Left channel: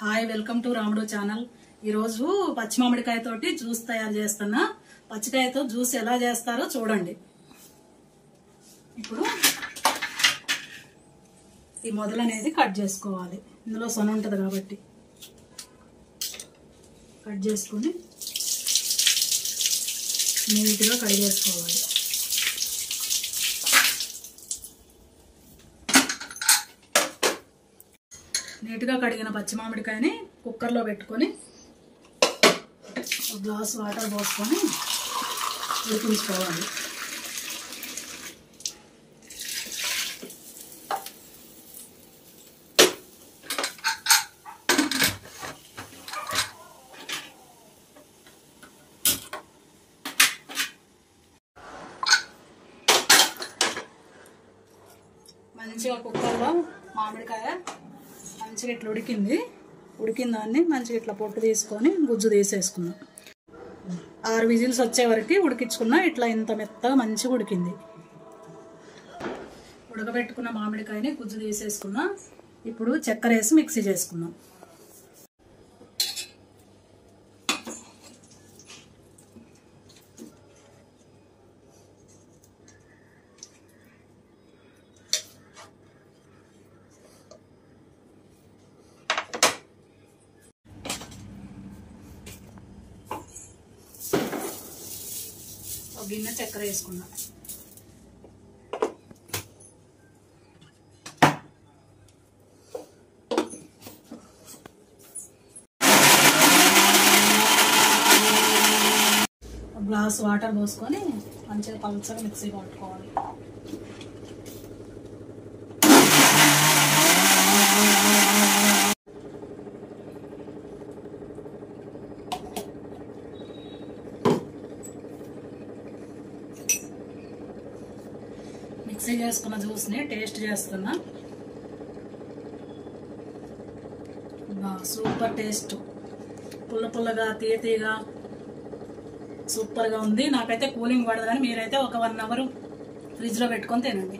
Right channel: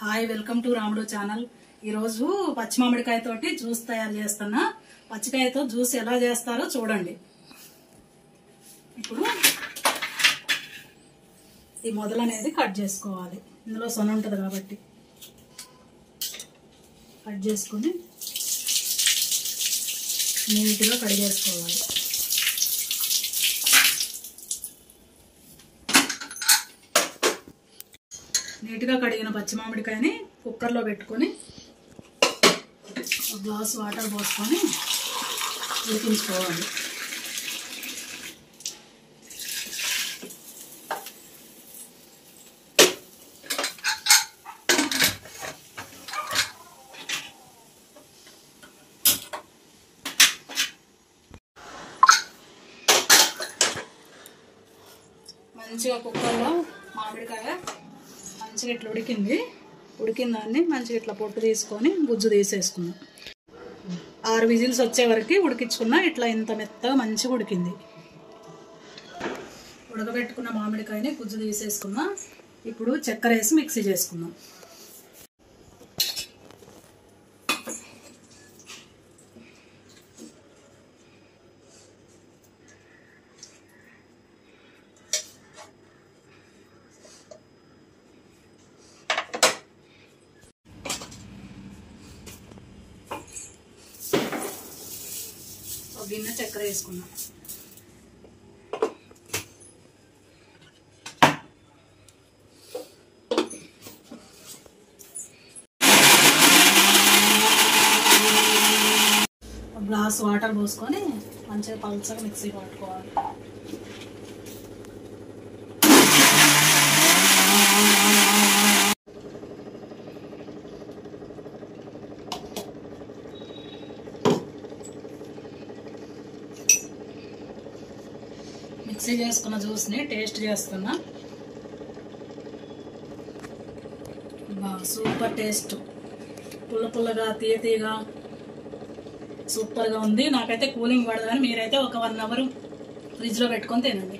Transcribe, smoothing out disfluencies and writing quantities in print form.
Hi welcome to రాముడు channel. ఈరోజు పచ్చి మామిడికాయ తోటి జ్యూస్ తయారు చేస్తున్నా. పచ్చికాయతో జ్యూస్ ఎలా చేస్తారో చూడండి. ఇప్పుడు ఈ మొదలు అనేది కట్ చేసుకోవాలి. ఇందులో సొన ఉంటుంది కాబట్టి కట్ చేసుకుని నీట్గా కడిగేసుకోవాలి. నీట్గా కడిగిన పచ్చి మామిడికాయని కుక్కర్లో పెట్టుకొని ఒక గ్లాస్ వాటర్ పోసుకొని ఉడికించుకోవాలి. మంచిగా కుక్కర్లో మామిడికాయ మంచిగా ఇట్లా ఉడికిన దాన్ని మంచిగా ఇట్లా పొట్టు తీసుకొని గుజ్జు తీసేసుకున్నాం. 6 విజిల్స్ వచ్చే వరకు ఉడికించుకున్నా. ఇట్లా ఇంత మెత్తగా మంచిగా ఉడికింది. ఉడకబెట్టుకున్న మామిడికాయని గుజ్జు తీసేసుకున్నా. ఇప్పుడు చక్కెర వేసి మిక్సీ చేసుకున్నాం. గిన్నె చక్కెర వేసుకున్నా. ఒక గ్లాస్ వాటర్ పోసుకొని మంచిగా పల్చగా మిక్సీ పట్టుకోవాలి. మిక్సీ చేసుకున్న జ్యూస్ని టేస్ట్ చేస్తున్నా. సూపర్ టేస్ట్, పుల్లగా తీయగా సూపర్గా ఉంది. నాకైతే కూలింగ్ పడదు, కానీ మీరైతే ఒక 1 అవర్ ఫ్రిడ్జ్లో పెట్టుకొని తినండి.